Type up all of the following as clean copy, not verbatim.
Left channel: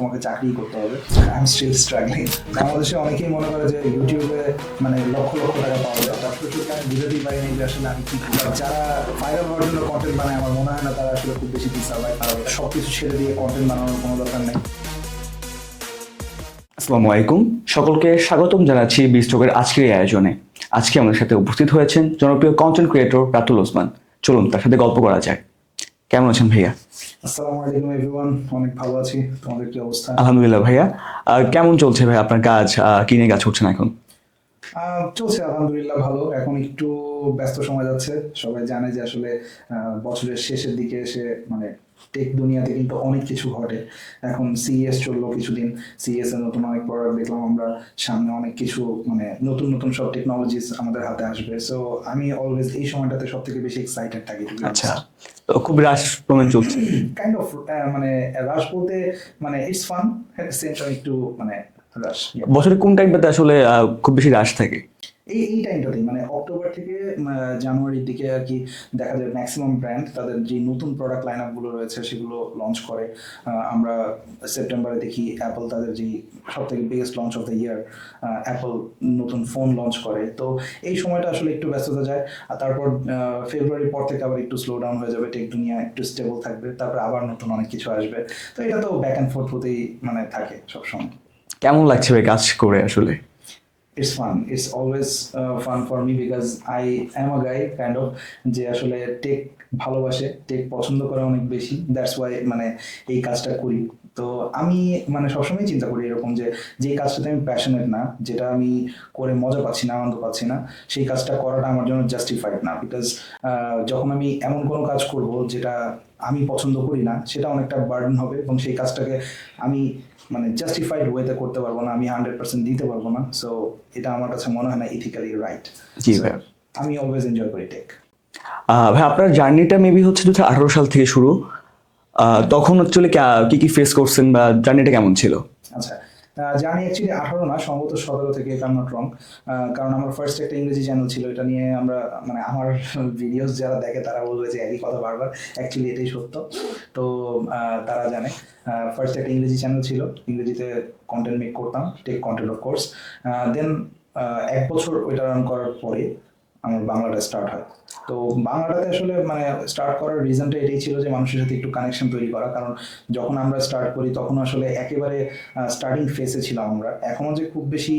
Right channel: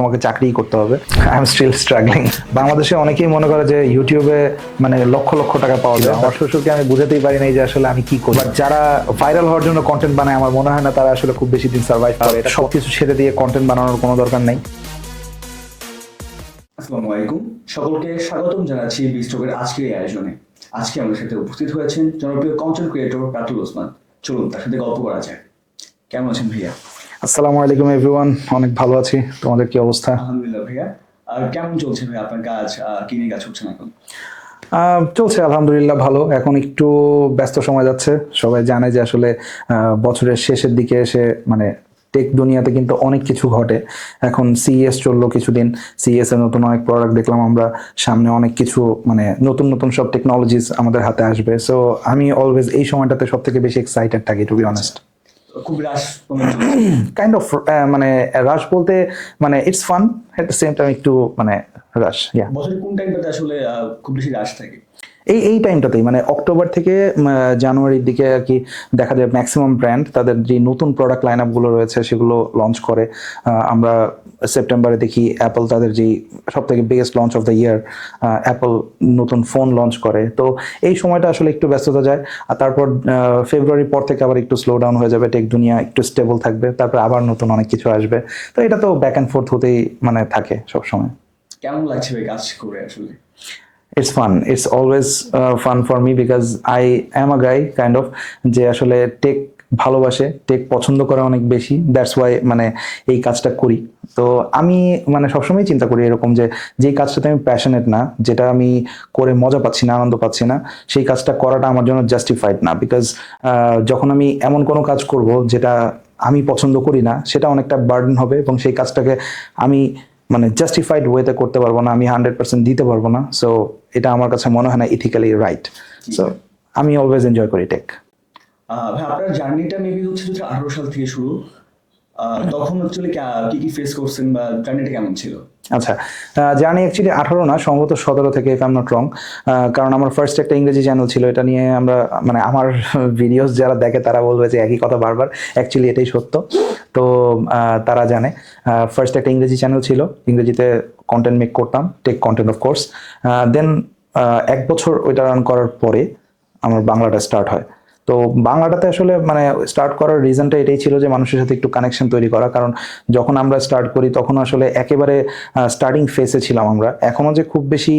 তোমাকে চাকরি করতে হবে। I am still struggling. বাংলাদেশে অনেকেই মনে করে যে ইউটিউবে মানে লক্ষ লক্ষ টাকা পাওয়া যায়। আমার শ্বশুরকে আমি বুঝাতেই পারি নাই যে আসলে আমি কি করি। যারা ভাইরাল হওয়ার জন্য কন্টেন্ট বানায় আমার মনে হয় না তারা আসলে খুব বেশি দিন সার্ভাইভ করে। এটা সবকিছু ছেড়ে দিয়ে কন্টেন্ট বানানোর কোনো দরকার নেই। আসসালামু আলাইকুম, সকলকে স্বাগতম জানাচ্ছি বিস্টকের আজকের এই আয়োজনে। আজকে আমাদের সাথে উপস্থিত হয়েছেন জনপ্রিয় কন্টেন্ট ক্রিয়েটর রাতুল ওসমান। চলুন তার সাথে গল্প করা যাক। কেমন আছেন ভাইয়া? আসসালামু আলাইকুম এভরিওয়ান, অনেক ভালো আছি। তোমাদের কি অবস্থা? আলহামদুলিল্লাহ ভাইয়া। কেমন চলছে ভাই আপনার কাজ? কি নিয়ে কাজ করছেন এখন? চলছে আলহামদুলিল্লাহ ভালো। এখন একটু ব্যস্ত সময় যাচ্ছে। সবাই জানে যে আসলে বছরের শেষের দিকে এসে মানে টেক দুনিয়াতে কিন্তু অনেক কিছু ঘটে। এখন সিইএস চললো কিছুদিন, সিইএস এর নতুন অনেক প্রোডাক্ট দেখলাম আমরা। সামনে অনেক কিছু মানে নতুন নতুন সব টেকনোলজিস আমাদের হাতে আসবে। সো আমি অলওয়েজ এই সময়টাতে সব থেকে বেশি এক্সাইটেড থাকি, টু বি অনেস্ট। তো খুব রাশ ক্রমে চলছে। কাইন্ড অফ মানে রাশ বলতে মানে it's fun, at the same time একটু মানে রাশ। বছরের কোন টাইমটাতে আসলে খুব বেশি রাশ থাকে? এই টাইমটাতেই মানে অক্টোবর থেকে জানুয়ারির দিকে আর কি দেখা যায় ম্যাক্সিমাম ব্র্যান্ড তাদের যে নতুন প্রোডাক্ট লাইন আপ গুলো রয়েছে সেগুলো লঞ্চ করে। আমরা সেপ্টেম্বরে দেখি অ্যাপল তাদের যে সব থেকে best launch of the year, Apple নতুন ফোন লঞ্চ করে। তো এই সময়টা আসলে একটু ব্যস্ততা যায়। আর তারপর ফেব্রুয়ারির পর থেকে আবার একটু স্লো ডাউন হয়ে যাবে, টেক দুনিয়া একটু স্টেবল থাকবে, তারপর আবার নতুন অনেক কিছু আসবে। তো এটা তো ব্যাক অ্যান্ড ফোর্থ হতেই মানে থাকে সবসময়। কেমন লাগছে ভাই কাজ করে আসলে? It's fun. It's always fun for me because I am a guy kind of যে আসলে টেক ভালোবাসে, টেক পছন্দ করে অনেক বেশি। দ্যাটস ওয়াই মানে এই কাজটা করি। তো আমি মানে সবসময় চিন্তা করি এরকম যে যে কাজটাতে আমি প্যাশনেট না, যেটা আমি করে মজা পাচ্ছি না, আনন্দ পাচ্ছি না, সেই কাজটা করাটা আমার জন্য জাস্টিফাইড না। বিকজ যখন আমি এমন কোনো কাজ করব যেটা আমি পছন্দ করি না, সেটা অনেকটা বার্ডেন হবে এবং সেই কাজটাকে আমি মানে জাস্টিফাইড ওয়েতে করতে পারবো না, আমি 100% দিতে পারবো না। সো এটা আমার কাছে মনে হয় না ইথিক্যালি রাইট। জি ভাই। আমি অলওয়েজ এনজয় করি টেক। ভাই আপনার জার্নিটা মেবি হচ্ছে 2018 সাল থেকে শুরু। তখন অ্যাকচুয়ালি কি কি ফেস করছেন বা জার্নিটা কেমন ছিল? আচ্ছা, জানি অ্যাকচুয়ালি 18 না, সম্ভবত 17 থেকে, if I am not wrong. কারণ আমার ফার্স্ট একটা ইংরেজি চ্যানেল ছিল। এটা নিয়ে আমরা মানে আমার ভিডিওস যারা দেখে তারা বলবে যে একই কথা বারবার, অ্যাকচুয়ালি এটাই সত্য। তো তারা জানে ফার্স্ট একটা ইংরেজি চ্যানেল ছিল, ইংরেজিতে কন্টেন্ট মেক করতাম, টেক কন্টেন্ট অফ কোর্স। দেন 1 বছর ওইটা রান করার পরে আমার বাংলাটা স্টার্ট হয়। তো বাংলাটাতে আসলে মানে স্টার্ট করার রিজনটা এটাই ছিল যে মানুষের সাথে একটু কানেকশন তৈরি করা। কারণ যখন আমরা স্টার্ট করি তখন আসলে একেবারে স্টার্টিং ফেসে ছিলাম আমরা। এখনো যে খুব বেশি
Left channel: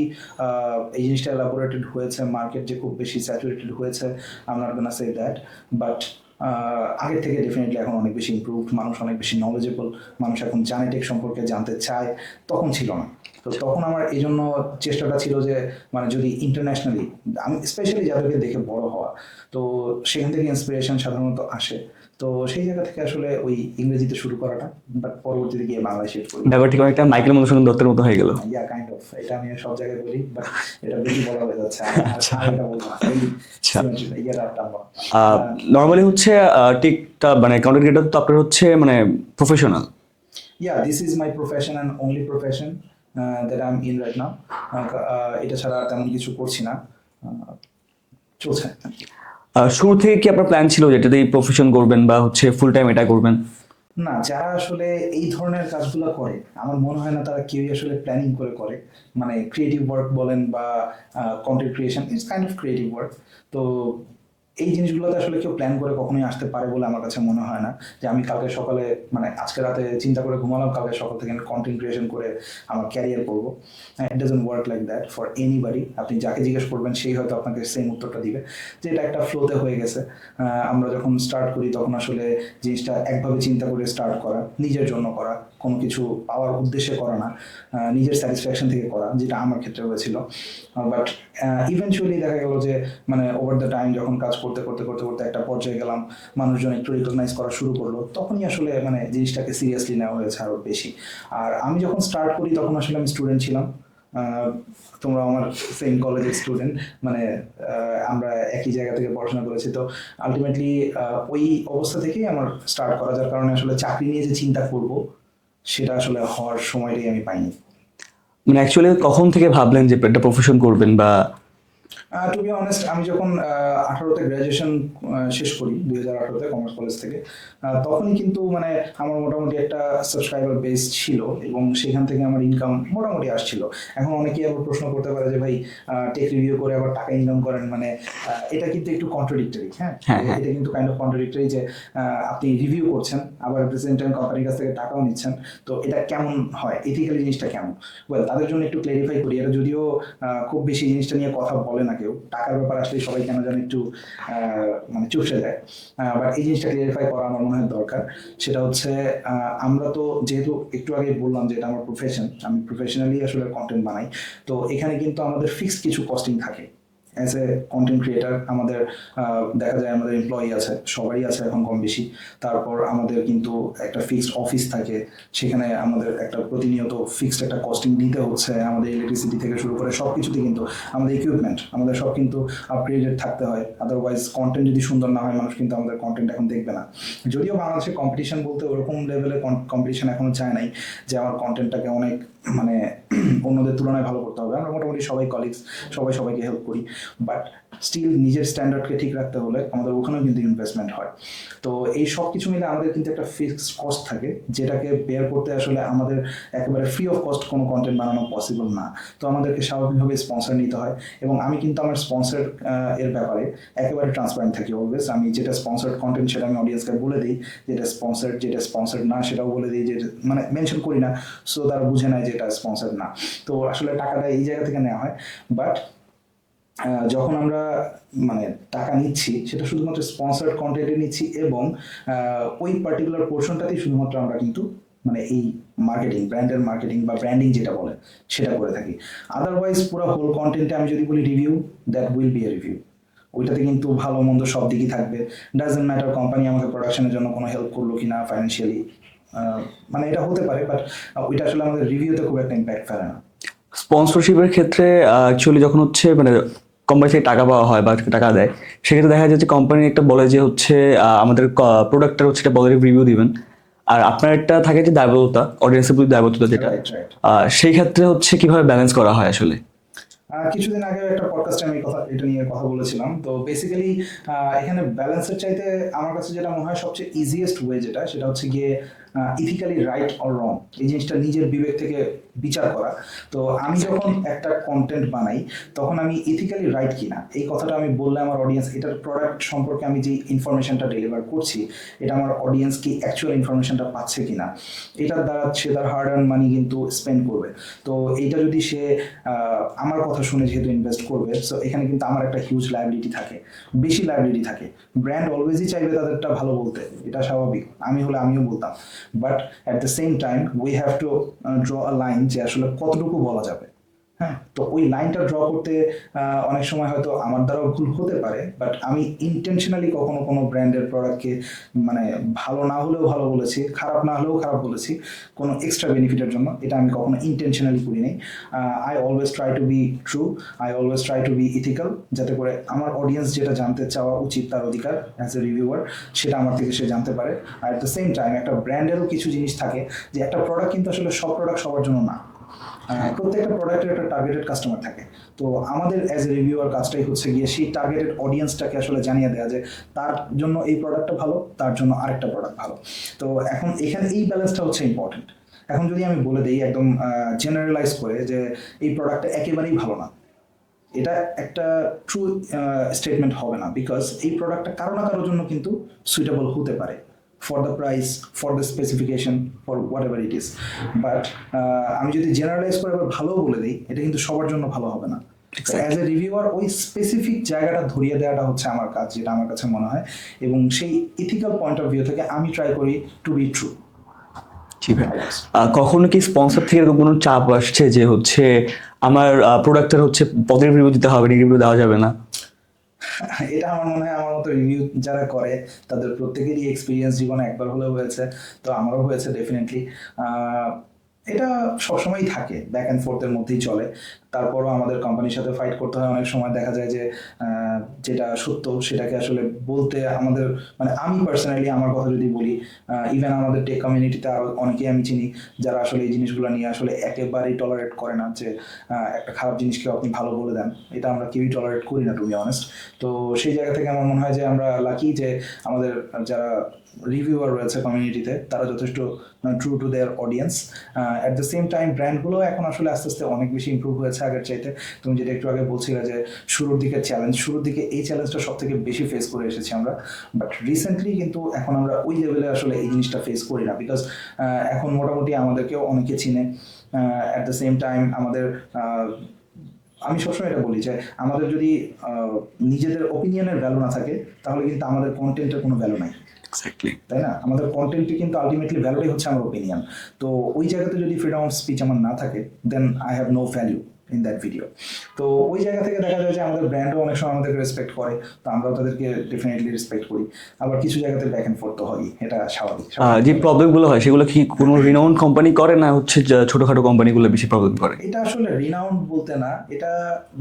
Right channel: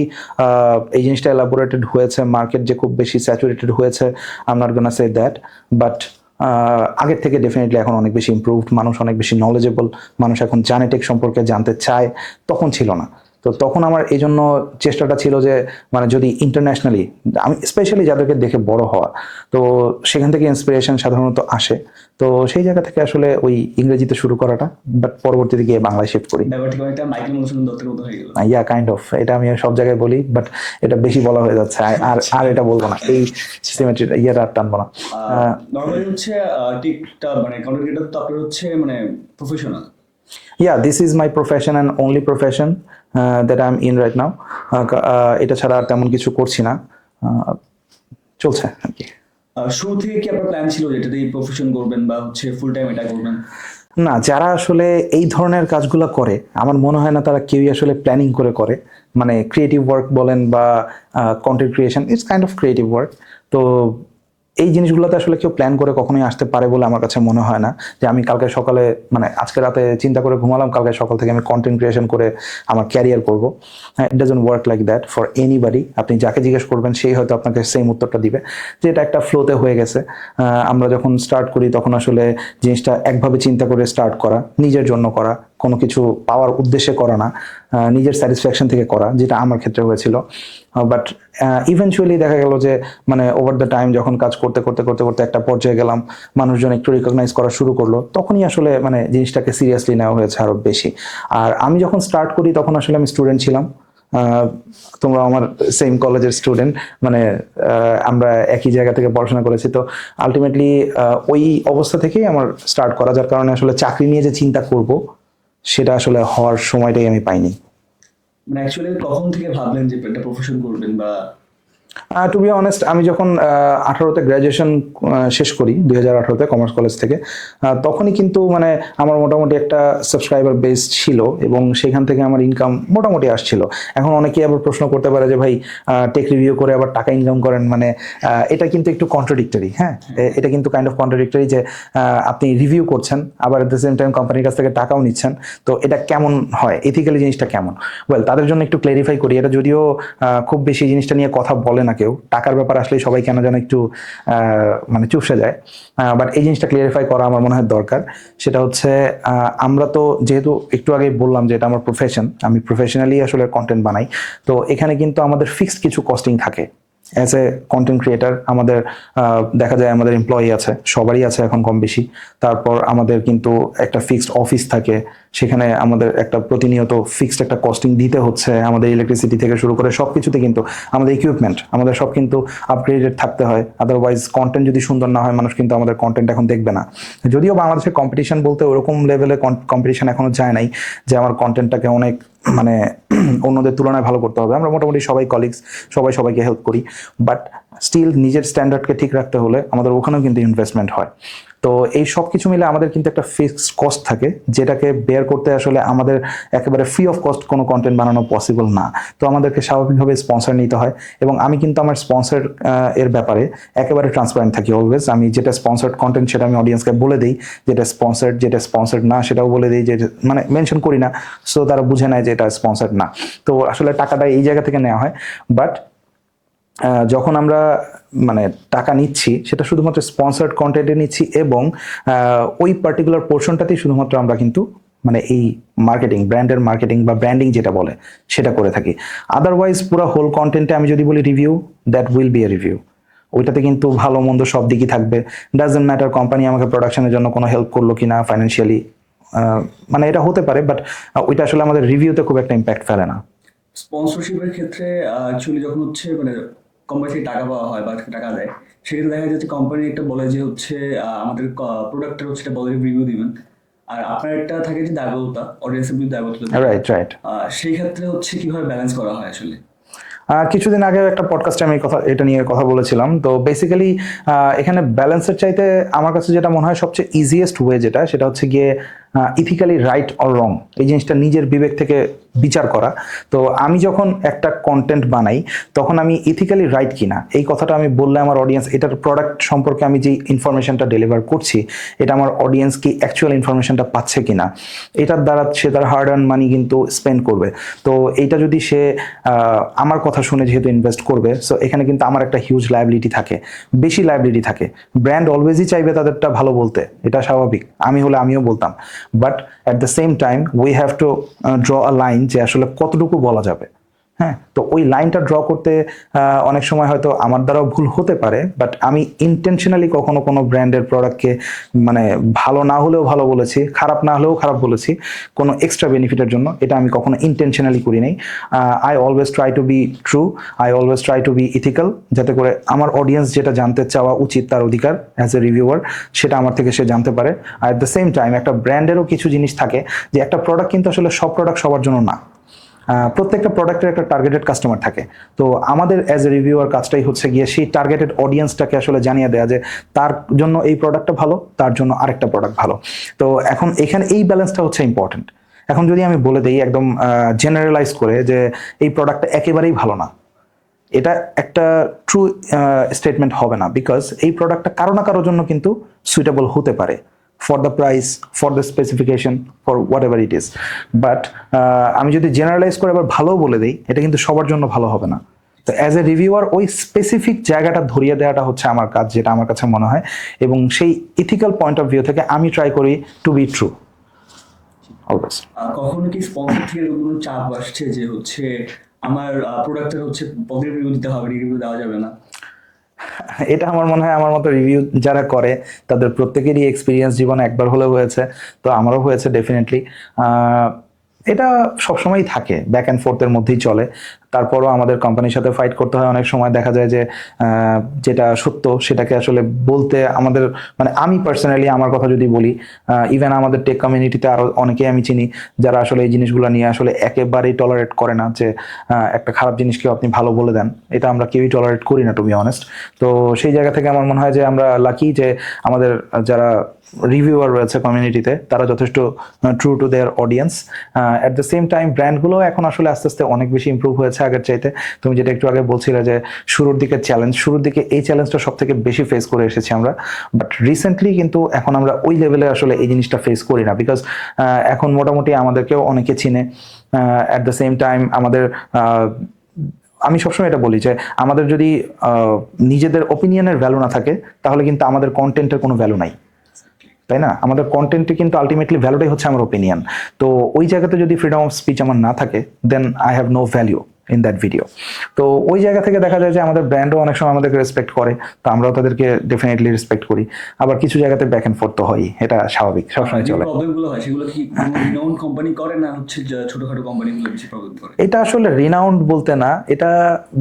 এই জিনিসটা এলাবোরেটেড হয়েছে, মার্কেট যে খুব বেশি স্যাচুরেটেড হয়েছে, I am not gonna say that, but আগের থেকে ডেফিনেটলি এখন অনেক বেশি ইমপ্রুভড। মানুষ অনেক বেশি নলেজেবল, মানুষ এখন জানে, টেক সম্পর্কে জানতে চায়, তখন ছিল না। তো তখন আমার এই জন্য চেষ্টাটা ছিল যে মানে যদি ইন্টারন্যাশনালি, আমি স্পেশালি যাদেরকে দেখে বড় হওয়া, তো সেখান থেকে ইন্সপিরেশন সাধারণত আসে। তো সেই জায়গা থেকে আসলে ওই ইংরেজিতে শুরু করাটা, বাট পরবর্তীতে গিয়ে বাংলায় শিফট করি। ব্যাপারটি অনেকটা মাইকেল মধুসূদন দত্তের মতো হয়ে গেল। ইয়া কাইন্ড অফ, এটা আমি সব জায়গায় বলি, বাট এটা বেশি বলা হয়ে যাচ্ছে। আর আর এটা বলবো না, এই সিমেট্রিটা ইয়েটা আর টানবো না। নর্মালি হচ্ছে টিকটা মানে কন্টেন্ট ক্রিয়েটর তো আপনার হচ্ছে মানে professional. This is my profession and only profession that I am in right now. এটা ছাড়া আর তেমন কিছু করছি না, চলছে আর কি। শুরু থেকে কি আপনার প্ল্যান ছিল যেটা দিয়ে প্রফেশন করবেন বা হচ্ছে ফুল টাইম এটা করবেন? না, যারা আসলে এই ধরনের কাজগুলো করে আমার মনে হয় না তারা কেউই আসলে প্ল্যানিং করে করে। মানে ক্রিয়েটিভ ওয়ার্ক বলেন বা content creation, it's kind of creative work. তো এই জিনিসগুলোতে আসলে কেউ প্ল্যান করে কখনোই আসতে পারে বলে আমার কাছে মনে হয় না। যে আমি কালকে সকালে মানে আজকে রাতে চিন্তা করে ঘুমালাম, কালকে সকাল থেকে আমি কন্টেন্ট ক্রিয়েশন করে আমার ক্যারিয়ার করব। হ্যাঁ, it doesn't work like that for anybody. আপনি যাকে জিজ্ঞেস করবেন সেই হয়তো আপনাকে সেম উত্তরটা দিবে যে এটা একটা ফ্লোতে হয়ে গেছে। আমরা যখন স্টার্ট করি তখন আসলে জিনিসটা একভাবে চিন্তা করে স্টার্ট করা, নিজের জন্য করা, কোনো কিছু পাওয়ার উদ্দেশ্যে করা না, নিজের স্যাটিসফ্যাকশন থেকে করা, যেটা আমার ক্ষেত্রে হয়েছিল। বাট ইভেনচুয়ালি দেখা গেল যে মানে ওভার দ্য টাইম যখন কাজ করতে করতে করতে করতে একটা পর্যায়ে গেলাম, মানুষজন একটু রিকগনাইজ করা শুরু করলো, তখনই আসলে মানে জিনিসটাকে সিরিয়াসলি নেওয়া হয়েছে আরো বেশি। আর আমি যখন স্টার্ট করি তখন আসলে আমি স্টুডেন্ট ছিলাম। তোমরা আমার সেম কলেজের স্টুডেন্ট, মানে আমরা একই জায়গা থেকে পড়াশোনা করেছি। তো আলটিমেটলি ওই অবস্থা থেকেই আমার স্টার্ট করা, যার কারণে আসলে চাকরি নিয়ে যে চিন্তা করব সেটা আসলে হওয়ার সময়টাই আমি পাইনি। মানে অ্যাকচুয়ালি কখন থেকে ভাবলেন যে একটা প্রফেশন করবেন বা টু বি অনেস্ট, আমি যখন 18তে গ্র্যাজুয়েশন শেষ করি 2018তে কমার্স কলেজ থেকে, তখনই কিন্তু মানে আমার মোটামুটি একটা সাবস্ক্রাইবার বেস ছিল এবং সেখান থেকে আমার ইনকাম মোটামুটি আসছিল। এখন অনেকেই আবার প্রশ্ন করতে পারে যে ভাই টেক রিভিউ করে আবার টাকা ইনকাম করেন, মানে এটা কিন্তু একটু কন্ট্রাডিক্টরি। হ্যাঁ, এটা কিন্তু কাইন্ড অফ কন্ট্রাডিক্টরি যে আপনি রিভিউ করছেন আবার এট দ্য সেম টাইম কোম্পানির কাছ থেকে টাকাও নিচ্ছেন, তো এটা কেমন হয়, এথিক্যালি জিনিসটা কেমন? ওয়েল, তাদের জন্য একটু ক্লারিফাই করি, এটা যদিও খুব বেশি জিনিসটা নিয়ে কথা বলে না কেউ, টাকার ব্যাপার আসলে সবাই কেন যেন একটু মানে চুপসে যায়, বাট এই জিনিসটা ক্লিয়ারিফাই করা আমার মনে হয় দরকার। সেটা হচ্ছে আমরা তো যেহেতু একটু আগে বললাম যে এটা আমার প্রফেশন, আমি প্রফেশনালি আসলে কন্টেন্ট বানাই, তো এখানে কিন্তু আমাদের ফিক্সড কিছু কস্টিং থাকে। অ্যাজ এ কন্টেন্ট ক্রিয়েটার আমাদের দেখা যায় আমাদের এমপ্লয়ি আছে, সবারই আছে এখন কম বেশি। তারপর আমাদের কিন্তু একটা ফিক্সড অফিস থাকে, সেখানে আমাদের একটা প্রতিনিয়ত ফিক্সড একটা কস্টিং দিতে হচ্ছে, আমাদের ইলেকট্রিসিটি থেকে শুরু করে সব কিছুতে কিন্তু আমাদের ইকুইপমেন্ট আমাদের সব কিন্তু আপগ্রেডেড থাকতে হয়। আদারওয়াইজ কন্টেন্ট যদি সুন্দর না হয়, মানুষ কিন্তু আমাদের কন্টেন্ট এখন দেখবে না। যদিও বাংলাদেশে কম্পিটিশন বলতে ওরকম লেভেলে কম্পিটিশন এখনো যায় নাই যে আমার কন্টেন্টটাকে অনেক মানে অন্যদের তুলনায় ভালো করতে হবে। আমরা মোটামুটি সবাই কলিগস, সবাই সবাইকে হেল্প করি, বাট স্টিল নিজের স্ট্যান্ডার্ডকে ঠিক রাখতে হলে আমাদের ওখানেও কিন্তু ইনভেস্টমেন্ট হয়। তো এই সব কিছু মিলে আমাদের কিন্তু একটা ফিক্সড কস্ট থাকে, যেটাকে বেয়ার করতে আসলে আমাদের একেবারে ফ্রি অফ কস্ট কোনো কন্টেন্ট বানানো পসিবল না। তো আমাদেরকে স্বাভাবিকভাবে স্পন্সর নিতে হয়, এবং আমি কিন্তু আমার স্পন্সর এর ব্যাপারে একেবারে ট্রান্সপারেন্ট থাকি অলওয়েজ। আমি যেটা স্পন্সার্ড কন্টেন্ট সেটা আমি অডিয়েন্সকে বলে দিই, যেটা স্পন্সার্ড না সেটাও বলে দিই, যে মানে মেনশন করি না, সো তারা বুঝে নেয় যে এটা স্পন্সার্ড না। তো আসলে টাকাটা এই জায়গা থেকে নেওয়া হয়, বাট যখন আমরা মানে টাকা নিচ্ছি সেটা শুধুমাত্র স্পন্সার্ড কন্টেন্টে নিচ্ছি, এবং ওই পার্টিকুলার পোর্শনটাতেই শুধুমাত্র আমরা কিন্তু মানে এই মার্কেটিং, ব্র্যান্ডের মার্কেটিং বা ব্র্যান্ডিং যেটা বলে সেটা করে থাকি। আদারওয়াইজ পুরো হোল কন্টেন্টে আমি যদি বলি review, that will B A review. ওইটাতে কিন্তু ভালো মন্দ সব দিকই থাকবে। ডাজন্ট ম্যাটার কোম্পানি আমাকে প্রোডাকশনের জন্য কোনো হেল্প করলো কিনা ফাইন্যান্সিয়ালি, মানে এটা হতে পারে, বাট ওইটা আসলে আমাদের রিভিউতে খুব একটা ইম্প্যাক্ট ফেলে না। স্পন্সরশিপের ক্ষেত্রে অ্যাকচুয়ালি যখন হচ্ছে মানে কোম্পানি থেকে টাকা পাওয়া হয় বা টাকা দেয়, সেক্ষেত্রে দেখা যায় যে কোম্পানি একটা বলে যে হচ্ছে আমাদের প্রোডাক্টটা হচ্ছে একটা পজিটিভ রিভিউ দিবেন, আর আপনার একটা থাকে যে দায়বদ্ধতা, অডিয়েন্সের প্রতি দায়বদ্ধতা যেটা, রাইট, রাইট। সেই ক্ষেত্রে হচ্ছে কিভাবে ব্যালেন্স করা হয় আসলে? কিছুদিন আগে একটা পডকাস্টে আমি এটা নিয়ে কথা বলেছিলাম। তো বেসিক্যালি এখানে ব্যালেন্সের চাইতে আমার কাছে যেটা মনে হয় সবচেয়ে ইজিয়েস্ট ওয়ে সেটা হচ্ছে গিয়ে ইথিক্যালি রাইট অর রং, এই জিনিসটা নিজের বিবেক থেকে বিচার করা। তো আমি যখন একটা কন্টেন্ট বানাই তখন আমি ইথিক্যালি রাইট কিনা এই কথাটা আমি বললে আমার অডিয়েন্স, এটার প্রোডাক্ট সম্পর্কে আমি যে ইনফরমেশনটা ডেলিভার করছি এটা আমার অডিয়েন্স কি অ্যাকচুয়াল ইনফরমেশনটা পাচ্ছে কিনা, এটার দ্বারা সে তার হার্ড আর্ন মানি কিন্তু স্পেন্ড করবে। তো এইটা যদি সে আমার কথা শুনে যেহেতু ইনভেস্ট করবে, সো এখানে কিন্তু আমার একটা হিউজ লায়াবিলিটি থাকে, বেশি লায়াবিলিটি থাকে। ব্র্যান্ড অলওয়েজই চাইবে তাদেরটা ভালো বলতে, এটা স্বাভাবিক, আমি হলে আমিও বলতাম, but at the same time we have to draw a line যে আসলে কতটুকু বলা যাবে। হ্যাঁ, তো ওই লাইনটা ড্র করতে অনেক সময় হয়তো আমার দ্বারাও ভুল হতে পারে, বাট আমি ইন্টেনশনালি কখনো কোনো ব্র্যান্ডের প্রোডাক্টকে মানে ভালো না হলেও ভালো বলেছি, খারাপ না হলেও খারাপ বলেছি কোনো এক্সট্রা বেনিফিটের জন্য, এটা আমি কখনো ইন্টেনশনালি করি নাই। I always try to be true, I always try to be ethical, যাতে করে আমার অডিয়েন্স যেটা জানতে চাওয়া উচিত তার অধিকার অ্যাজ এ রিভিউয়ার, সেটা আমার থেকে সে জানতে পারে। আর অ্যাট দ্য সেম টাইম একটা ব্র্যান্ডেরও কিছু জিনিস থাকে যে একটা প্রোডাক্ট কিন্তু আসলে সব প্রোডাক্ট সবার জন্য না, প্রত্যেকটা প্রোডাক্টের একটা টার্গেটেড কাস্টমার থাকে। তো আমাদের অ্যাজ এ রিভিউয়ার কাজটাই হচ্ছে গিয়ে সেই টার্গেটেড অডিয়েন্সটাকে আসলে জানিয়ে দেওয়া যে তার জন্য এই প্রোডাক্টটা ভালো, তার জন্য আরেকটা প্রোডাক্ট ভালো। তো এখন এখানে এই ব্যালেন্সটা হচ্ছে ইম্পর্টেন্ট। এখন যদি আমি বলে দিই একদম জেনারেলাইজ করে যে এই প্রোডাক্টটা একেবারেই ভালো না, এটা একটা ট্রু স্টেটমেন্ট হবে না, বিকজ এই প্রোডাক্টটা কারো না কারোর জন্য কিন্তু সুইটেবল হতে পারে, for the price, for the specification, for what ever it is. But আমি যদি জেনারেলাইজ করে আবার ভালো বলে দিই, এটা কিন্তু সবার জন্য ভালো হবে না। অ্যাজ এ রিভিউয়ার ওই স্পেসিফিক জায়গাটা ধরিয়ে দেওয়াটা হচ্ছে আমার কাজ, যেটা আমার কাছে মনে হয়, এবং সেই ইথিক্যাল পয়েন্ট অফ ভিউ থেকে আমি ট্রাই করি টু বি ট্রু। কখনো কি স্পন্সর থেকে এরকম কোনো চাপ আসছে যে হচ্ছে আমার প্রোডাক্টের হচ্ছে পজিটিভ রিভিউ দিতে হবে, নেগেটিভ রিভিউ দেওয়া যাবে না? এটা আমার মনে হয় আমার মতো রিভিউ যারা করে তাদের প্রত্যেকেরই এক্সপিরিয়েন্স জীবনে একবার হলেও হয়েছে, তো আমারও হয়েছে ডেফিনেটলি। এটা সবসময়ই থাকে, ব্যাক অ্যান্ড ফোর্থের মধ্যেই চলে। তারপরও আমাদের কোম্পানির সাথে ফাইট করতে হয়। অনেক সময় দেখা যায় যে যেটা সত্য সেটাকে আসলে বলতে আমাদের, মানে আমি পার্সোনালি আমার কথা যদি বলি, ইভেন আমাদের টেক কমিউনিটিতে আরো অনেকেই আমি চিনি যারা আসলে এই জিনিসগুলো নিয়ে আসলে একেবারেই টলারেট করে না, যে একটা খারাপ জিনিসকেও আপনি ভালো বলে দেন, এটা আমরা কেউই টলারেট করি না টু বি অনেস্ট। তো সেই জায়গা থেকে আমার মনে হয় যে আমরা লাকি যে আমাদের যারা রিভিউয়ার রয়েছে কমিউনিটিতে তারা যথেষ্ট true to their audience. At the same time ব্র্যান্ডগুলো এখন আসলে আস্তে আস্তে অনেক বেশি ইমপ্রুভ হয়েছে আগের চাইতে। তুমি যেটা একটু আগে বলছিলে যে শুরুর দিকে এই চ্যালেঞ্জটা সব থেকে বেশি ফেস করে এসেছি আমরা, বাট রিসেন্টলি কিন্তু এখন আমরা ওই লেভেলে আসলে এই জিনিসটা ফেস করি না, বিকজ এখন মোটামুটি আমাদেরকেও অনেকে চিনে। অ্যাট দ্য সেম টাইম আমাদের আমি সবসময় এটা বলি যে আমাদের যদি নিজেদের ওপিনিয়নের ভ্যালু না থাকে তাহলে কিন্তু আমাদের কন্টেন্টের কোনো ভ্যালু নাই, তাই না? আমাদের কন্টেন্টে কিন্তু আলটিমেটলি ভ্যালুটাই হচ্ছে আমার ওপিনিয়ন। তো ওই জায়গাতে যদি ফ্রিডম অফ স্পিচ আমার না থাকে, then I have no value in that video. তো ওই জায়গা থেকে দেখা যায় যে আমাদের ব্র্যান্ডও অনেক সময় আমাদেরকে রেসপেক্ট করে, তো আমরাও তাদেরকে ডেফিনেটলি রেসপেক্ট করি। আবার কিছু জায়গাতে ব্যাক অ্যান্ড ফোর্থ তো হয়, এটা স্বাভাবিক। যে প্রবলেমগুলো হয় সেগুলো কি কোনো রিনাউন্ড কোম্পানি করে না হচ্ছে ছোটখাটো কোম্পানিগুলো বেশি প্রবলেম করে? এটা আসলে রিনাউন্ড বলতে না, এটা